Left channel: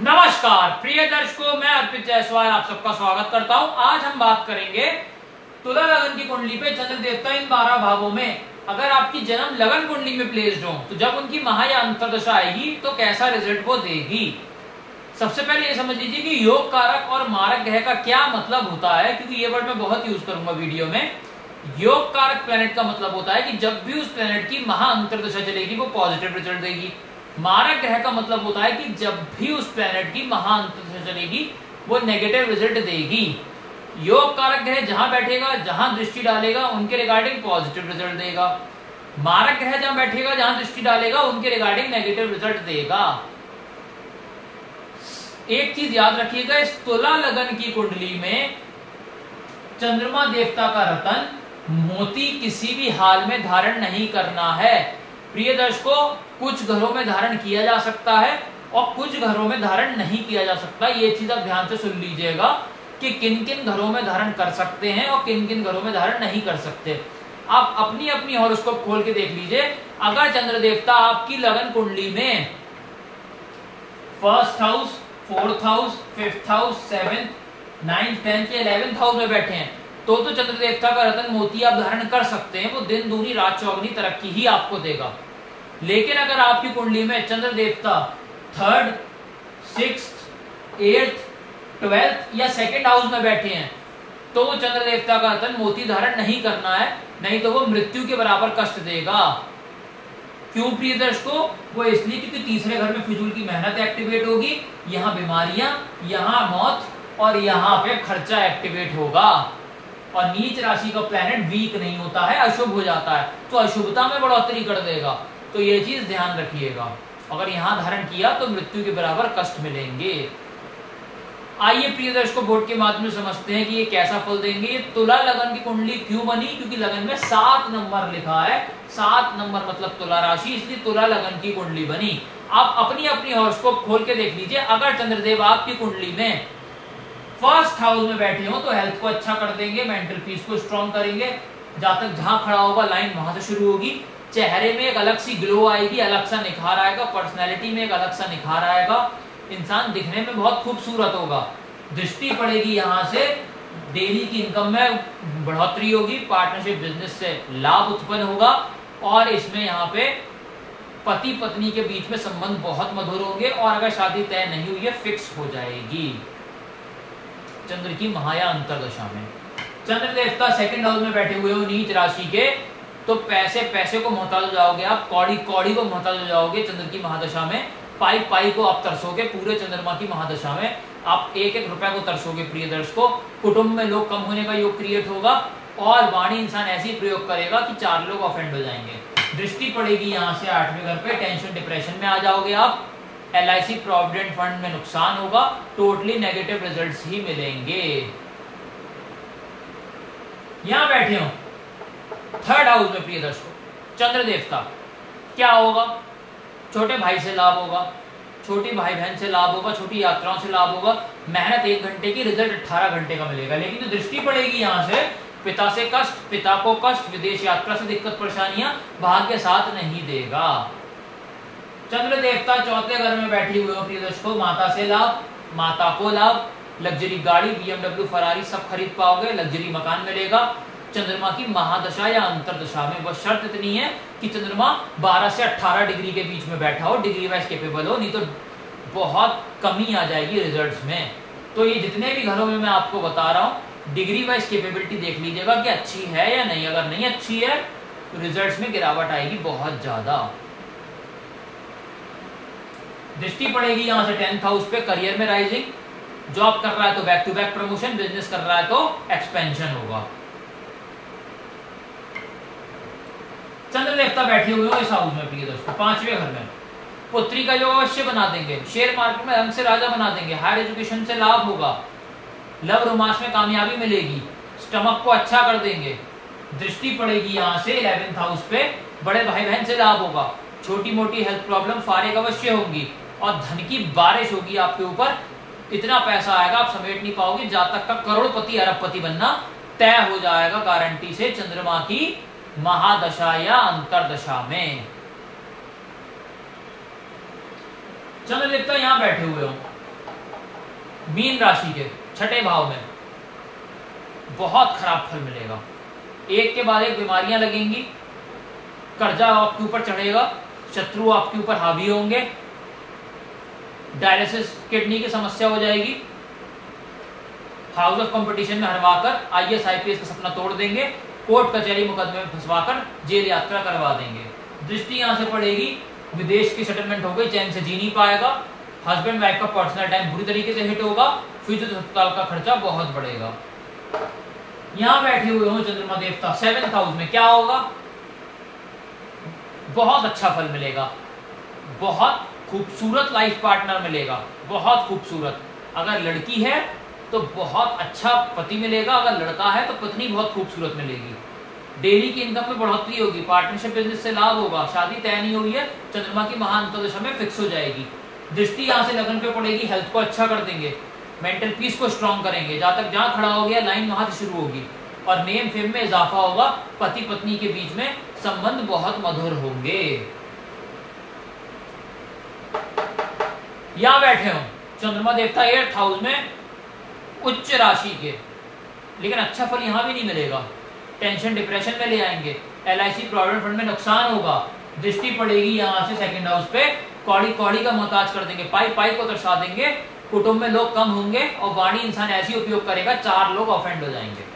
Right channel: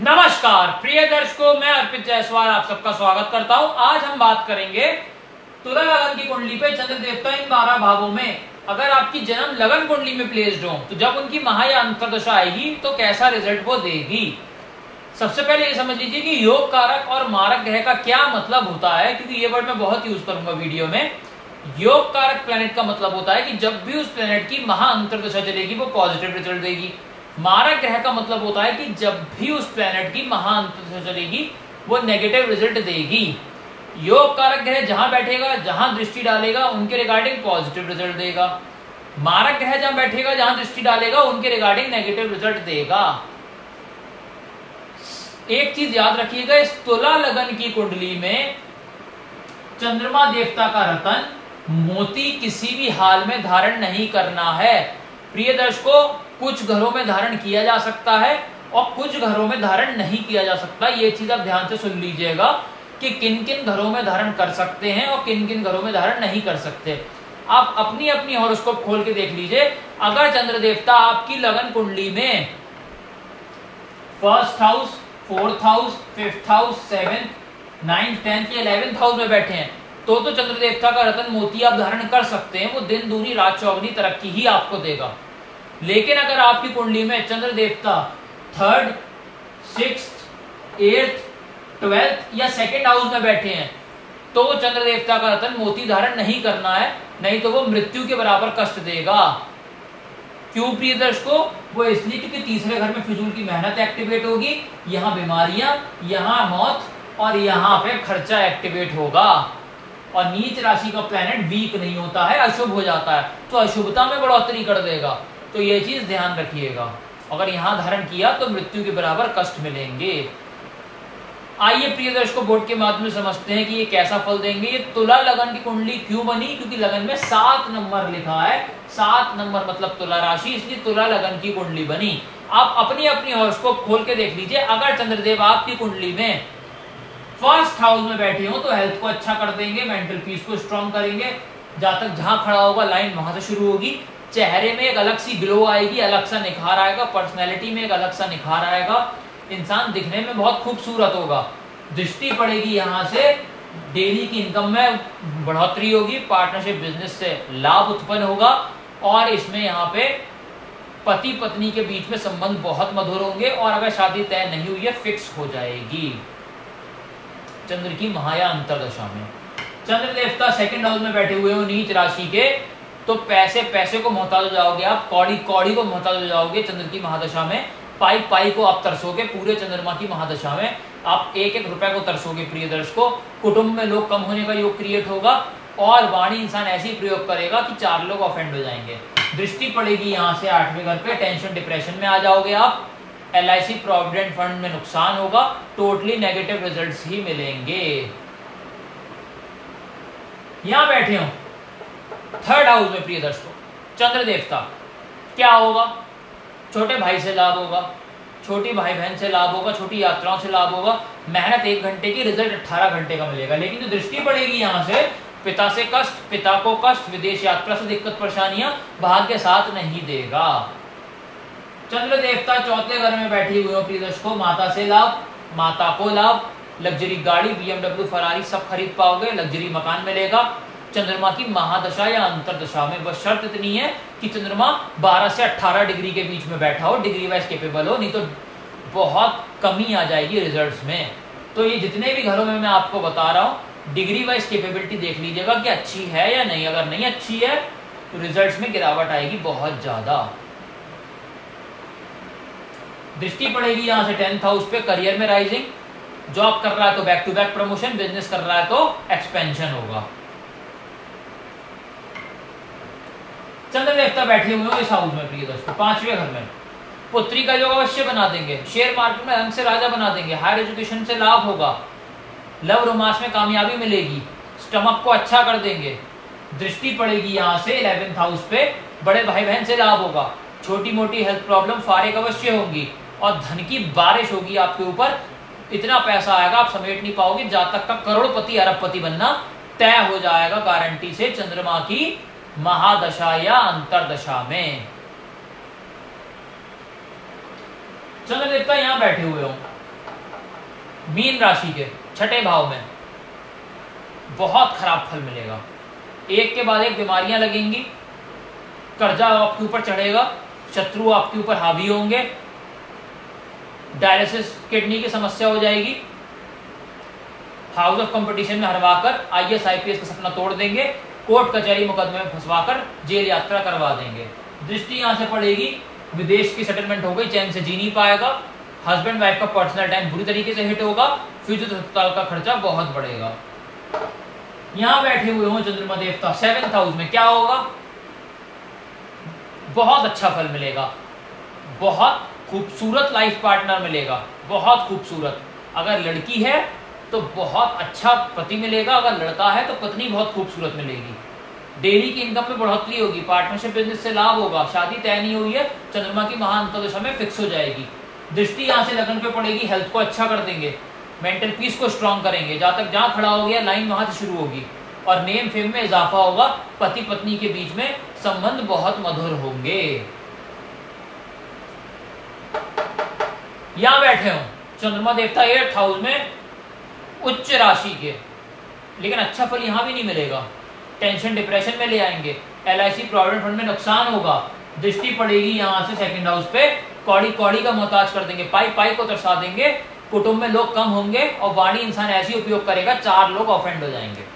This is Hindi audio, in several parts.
नमस्कार प्रिय दर्शकों, मैं अर्पित जायसवाल आप सबका स्वागत करता हूं। आज हम बात करेंगे तुला लगन की कुंडली पे चंद्र देवता इन 12 भावों में अगर आपकी जन्म लगन कुंडली में प्लेस्ड हो तो जब उनकी महा या अंतर्दशा आएगी तो कैसा रिजल्ट वो देगी। सबसे पहले ये समझ लीजिए कि योग कारक और मारक ग्रह का क्या मतलब होता है, क्योंकि ये वर्ड मैं बहुत यूज करूंगा वीडियो में। योग कारक प्लेनेट का मतलब होता है कि जब भी उस प्लेनेट की महा अंतर्दशा चलेगी वो पॉजिटिव रिजल्ट देगी। मारक ग्रह का मतलब होता है कि जब भी उस प्लेनेट की महा अंतर्दशा चलेगी वो नेगेटिव रिजल्ट देगी। योग कारक ग्रह जहां बैठेगा, जहां दृष्टि डालेगा, उनके रिगार्डिंग पॉजिटिव रिजल्ट देगा। मारक ग्रह जहां बैठेगा, जहां दृष्टि डालेगा, उनके रिगार्डिंग नेगेटिव रिजल्ट देगा। एक चीज याद रखिएगा, इस तुला लगन की कुंडली में चंद्रमा देवता का रतन मोती किसी भी हाल में धारण नहीं करना है। प्रिय दर्शकों, कुछ घरों में धारण किया जा सकता है और कुछ घरों में धारण नहीं किया जा सकता। ये चीज आप ध्यान से सुन लीजिएगा कि किन किन घरों में धारण कर सकते हैं और किन किन घरों में धारण नहीं कर सकते। आप अपनी अपनी हॉरोस्कोप खोल के देख लीजिए। अगर चंद्र देवता आपकी लगन कुंडली में first house, fourth house, fifth house, 7th, 9th, 10th या 11th हाउस में बैठे हैं तो चंद्र देवता का रतन मोती आप धारण कर सकते हैं। वो दिन दूनी रात चौगनी तरक्की ही आपको देगा। लेकिन अगर आपकी कुंडली में चंद्र देवता 3rd, 6th, 8th, 12th या 2nd हाउस में बैठे हैं तो वो चंद्र देवता का रतन मोती धारण नहीं करना है, नहीं तो वो मृत्यु के बराबर कष्ट देगा। क्यों प्रिय दर्शकों? वो इसलिए क्योंकि तीसरे घर में फिजूल की मेहनत एक्टिवेट होगी, यहाँ बीमारियां, यहाँ मौत और यहाँ पे खर्चा एक्टिवेट होगा। और नीच राशि का प्लैनेट वीक नहीं होता है, अशुभ हो जाता है तो अशुभता में बढ़ोतरी कर देगा। तो ये चीज ध्यान रखिएगा। अगर यहां धारण किया तो मृत्यु के बराबर कष्ट मिलेंगे। आइए प्रिय दर्शकों, बोर्ड के माध्यम से समझते हैं कि ये कैसा फल देंगे। ये तुला लगन की कुंडली क्यों बनी? क्योंकि लगन में 7 नंबर लिखा है। 7 नंबर मतलब तुला राशि, इसलिए तुला लगन की कुंडली बनी। आप अपनी अपनी हॉरोस्कोप खोल के देख लीजिए। अगर चंद्रदेव आपकी कुंडली में फर्स्ट हाउस में बैठे हो तो हेल्थ को अच्छा कर देंगे, मेंटल पीस को स्ट्रॉन्ग करेंगे। जातक जहां खड़ा होगा लाइन वहां से शुरू होगी। चेहरे में एक अलग सी ग्लो आएगी, अलग सा निखार आएगा, पर्सनैलिटी में एक अलग सा निखार आएगा। इंसान दिखने में बहुत खूबसूरत होगा। दृष्टि पड़ेगी यहां से, डेली की इनकम में बढ़ोतरी होगी, पार्टनरशिप बिजनेस से लाभ उत्पन्न होगा और इसमें यहाँ पे पति पत्नी के बीच में संबंध बहुत मधुर होंगे और अगर शादी तय नहीं हुई है फिक्स हो जाएगी। चंद्र की महाया अंतर्दशा में चंद्र देवता 2nd हाउस में बैठे हुए हो नीच राशि के, तो पैसे को मोहताज हो जाओगे आप, कौड़ी को मोहताज हो जाओगे। चंद्र की महादशा में पाई को आप तरसोगे। पूरे चंद्रमा की महादशा में आप एक एक रुपए को तरसोगे। प्रिय दर्शकों, कुटुंब में लोग कम होने का योग क्रिएट होगा और वाणी इंसान ऐसी प्रयोग करेगा कि 4 लोग ऑफेंड हो जाएंगे। दृष्टि पड़ेगी यहाँ से 8वें घर पे, टेंशन डिप्रेशन में आ जाओगे आप। LIC प्रोविडेंट फंड में नुकसान होगा। टोटली नेगेटिव रिजल्ट्स ही मिलेंगे। यहां बैठे हो 3rd हाउस में प्रिय दर्शकों, चंद्र देवता, क्या होगा? छोटे भाई से लाभ होगा, छोटी भाई बहन से लाभ होगा, छोटी यात्राओं से लाभ होगा। मेहनत 1 घंटे की, रिजल्ट 18 घंटे का मिलेगा। लेकिन जो दृष्टि पड़ेगी यहां से, पिता से कष्ट, पिता को कष्ट, विदेश यात्रा से दिक्कत परेशानियां, भाग्य साथ नहीं देगा। चंद्र देवता 4थे घर में बैठी हुए हो प्रिय दर्शकों, माता से लाभ, माता को लाभ, लग्जरी गाड़ी, BMW, फरारी सब खरीद पाओगे, लग्जरी मकान मिलेगा। चंद्रमा की महादशा या अंतरदशा में बस शर्त इतनी है कि चंद्रमा 12 से 18 डिग्री के बीच में बैठा हो, डिग्री वाइज केपेबल हो, नहीं तो बहुत कमी आ जाएगी रिजल्ट्स में। तो ये जितने भी घरों में मैं आपको बता रहा हूं, डिग्री वाइज केपेबिलिटी देख लीजिएगा कि अच्छी है या नहीं। अगर नहीं अच्छी है तो रिजल्ट्स में गिरावट आएगी बहुत ज्यादा। दृष्टि पड़ेगी यहां से 10th हाउस पे, करियर में राइजिंग, जॉब कर रहा है तो back to back promotion, business कर रहा है तो एक्सपेंशन होगा। चंद्र देवता बैठे हुए हो इस हाउस में प्रिय दोस्तों, 5वें घर में, पुत्री का योग अवश्य बना देंगे। शेयर मार्केट में रंग से राजा बना देंगे। हायर एजुकेशन से लाभ होगा। लव रोमांस में कामयाबी मिलेगी। स्टमक को अच्छा कर देंगे। दृष्टि पड़ेगी यहां से 11th हाउस पे, बड़े भाई बहन से लाभ होगा। छोटी मोटी हेल्थ प्रॉब्लम फारिग अवश्य होंगी और धन की बारिश होगी आपके ऊपर। इतना पैसा आएगा आप समेट नहीं पाओगे। जातक का करोड़पति अरबपति बनना तय हो जाएगा गारंटी से चंद्रमा की महादशा या अंतरदशा में। चंद्र देवता यहां बैठे हुए हो मीन राशि के छठे भाव में बहुत खराब फल मिलेगा। एक के बाद एक बीमारियां लगेंगी, कर्जा आपके ऊपर चढ़ेगा, शत्रु आपके ऊपर हावी होंगे, डायलिसिस किडनी की समस्या हो जाएगी, हाउस ऑफ कंपटीशन में हरवाकर आईएएस आईपीएस का सपना तोड़ देंगे, कोर्ट कचहरी मुकदमे में फंसवाकर जेल यात्रा करवा देंगे। दृष्टि यहां से पड़ेगी, विदेश की सेटलमेंट हो गई, चैन से जी नहीं पाएगा, हस्बैंड वाइफ का पर्सनल टाइम बुरी तरीके से हिट होगा, फिजियोथेरेपी अस्पताल का खर्चा बहुत बढ़ेगा। यहां बैठे हुए हो चंद्रमा देवता 7th हाउस में, क्या होगा? बहुत अच्छा फल मिलेगा, बहुत खूबसूरत लाइफ पार्टनर मिलेगा, बहुत खूबसूरत। अगर लड़की है तो बहुत अच्छा पति मिलेगा, अगर लड़का है तो पत्नी बहुत खूबसूरत मिलेगी। डेली की इनकम में बढ़ोतरी होगी, पार्टनरशिप बिजनेस से लाभ होगा, शादी तय नहीं हुई है, चंद्रमा की महाअंतर्दशा में फिक्स हो जाएगी। दृष्टि यहां से लगन पे पड़ेगी, हेल्थ को अच्छा कर देंगे, मेंटल पीस को स्ट्रॉन्ग करेंगे, जहां तक जहां खड़ा हो गया लाइन वहां से शुरू होगी, और नेम फेम में इजाफा होगा, पति पत्नी के बीच में संबंध बहुत मधुर होंगे। यहां बैठे हो चंद्रमा देवता 8th हाउस में उच्च राशि के, लेकिन अच्छा फल यहां भी नहीं मिलेगा, टेंशन डिप्रेशन में ले आएंगे, एलआईसी प्रोविडेंट फंड में नुकसान होगा। दृष्टि पड़ेगी यहां से 2nd हाउस पे, कौड़ी कौड़ी का मोहताज कर देंगे, पाई पाई को दर्शा देंगे, कुटुंब में लोग कम होंगे, और वाणी इंसान ऐसी उपयोग करेगा 4 लोग ऑफेंड हो जाएंगे।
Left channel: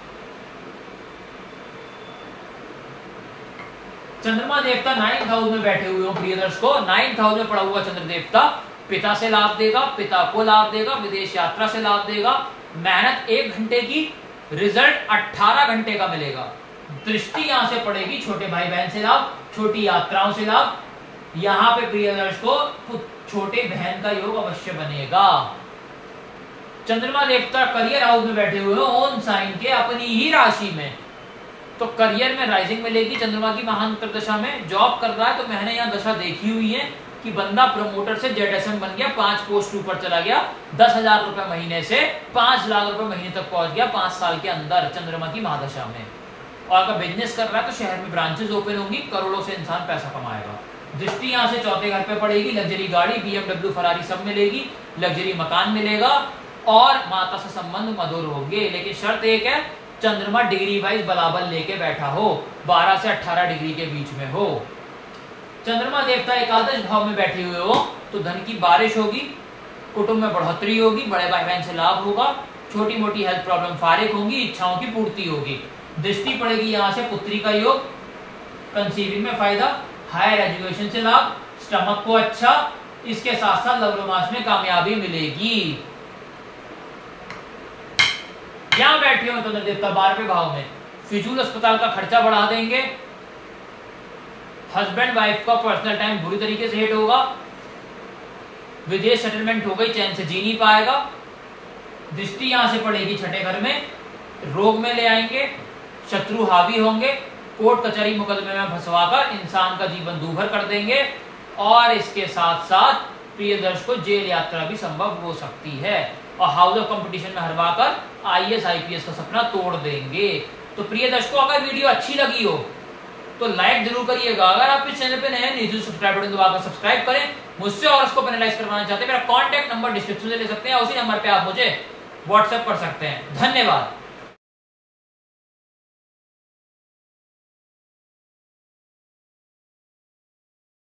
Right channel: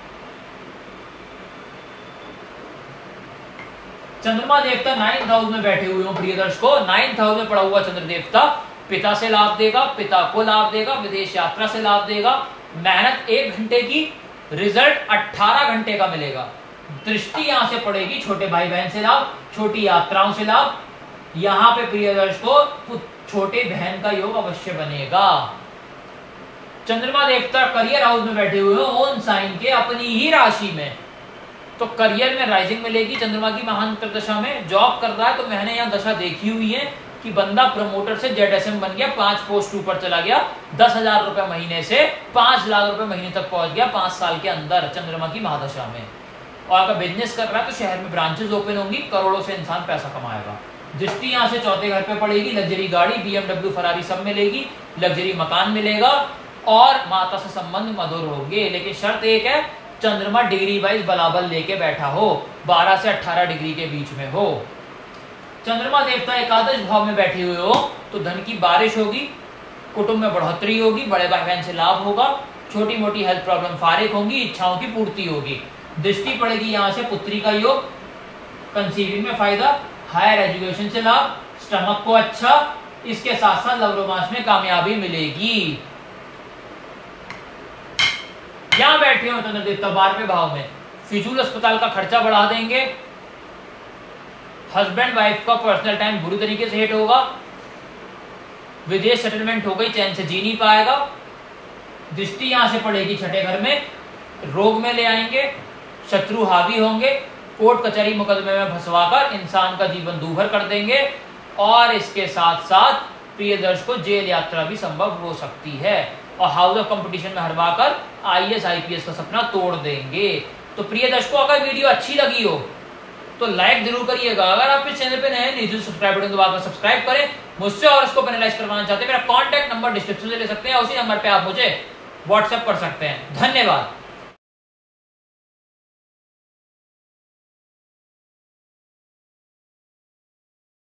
चंद्रमा देवता 9th हाउस में बैठे हुए हो प्रिय दर्शकों, 9th हाउस में पड़ा हुआ चंद्र देवता पिता से लाभ देगा, पिता को लाभ देगा, विदेश यात्रा से लाभ देगा, मेहनत 1 घंटे की, रिजल्ट 18 घंटे का मिलेगा। दृष्टि यहां से पड़ेगी, छोटे भाई बहन से लाभ, छोटी यात्राओं से लाभ। यहां पे प्रिय दर्शकों छोटे बहन का योग अवश्य बनेगा। चंद्रमा देवता करियर हाउस में बैठे हुए हो ओन साइन के, अपनी ही राशि में, तो करियर में राइजिंग मिलेगी चंद्रमा की महाअंतर्दशा में। जॉब कर रहा है तो मैंने यहां दशा देखी हुई है कि बंदा प्रमोटर से जेडएसएम बन गया, 5 पोस्ट ऊपर चला गया, 10,000 रुपए महीने से 5 लाख रुपए महीने तक पहुंच गया 5 साल के अंदर चंद्रमा की महादशा में। और अगर बिजनेस कर रहा है तो शहर में ब्रांचेस ओपन होंगी, करोड़ों से इंसान पैसा कमाएगा। दृष्टि यहां से 4थे घर पे पड़ेगी, लग्जरी गाड़ी, BMW, फरारी सब मिलेगी, लग्जरी मकान मिलेगा, और माता से संबंध मधुर होंगे। लेकिन शर्त एक है, चंद्रमा डिग्री वाइज बलाबल लेके बैठा हो, 12 से 18 डिग्री के बीच में हो। चंद्रमा देवता एकादश भाव में बैठे हुए हो तो धन की बारिश होगी, कुटुंब में बढ़ोतरी होगी, बड़े भाई बहन से लाभ होगा, छोटी मोटी हेल्थ प्रॉब्लम फारिग होंगी, इच्छाओं की पूर्ति होगी। दृष्टि पड़ेगी यहां से पुत्री का योग, कंसीविंग में फायदा, हायर एजुकेशन से लाभ, स्टमक को अच्छा, इसके साथ साथ लव रोमांस में कामयाबी मिलेगी। यहां बैठे हो चंद्र देवता 12वें भाव में, फिजूल अस्पताल का खर्चा बढ़ा देंगे, हस्बैंड वाइफ का पर्सनल टाइम बुरी तरीके से हिट होगा, विदेश सेटलमेंट हो गई, चैन से जी नहीं पाएगा। दृष्टि यहां से पड़ेगी 6ठे घर में, रोग में ले आएंगे, शत्रु हावी होंगे, कोर्ट कचहरी मुकदमे में फंसवाकर इंसान का जीवन दूभर कर देंगे, और इसके साथ साथ प्रिय दर्शकों जेल यात्रा भी संभव हो सकती है, और हाउस ऑफ कंपटीशन में हरवाकर आईएएस आईपीएस का सपना तोड़ देंगे। तो प्रिय दर्शकों अगर वीडियो अच्छी लगी हो तो लाइक जरूर करिएगा। अगर आप इस चैनल पे नए हैं नीचे सब्सक्राइब बटन दबाकर सब्सक्राइब करें। मुझसे और इसको एनालाइज करवाना चाहते हैं, मेरा कॉन्टैक्ट नंबर डिस्क्रिप्शन से ले सकते हैं, उसी नंबर पे आप मुझे व्हाट्सएप कर सकते हैं। धन्यवाद।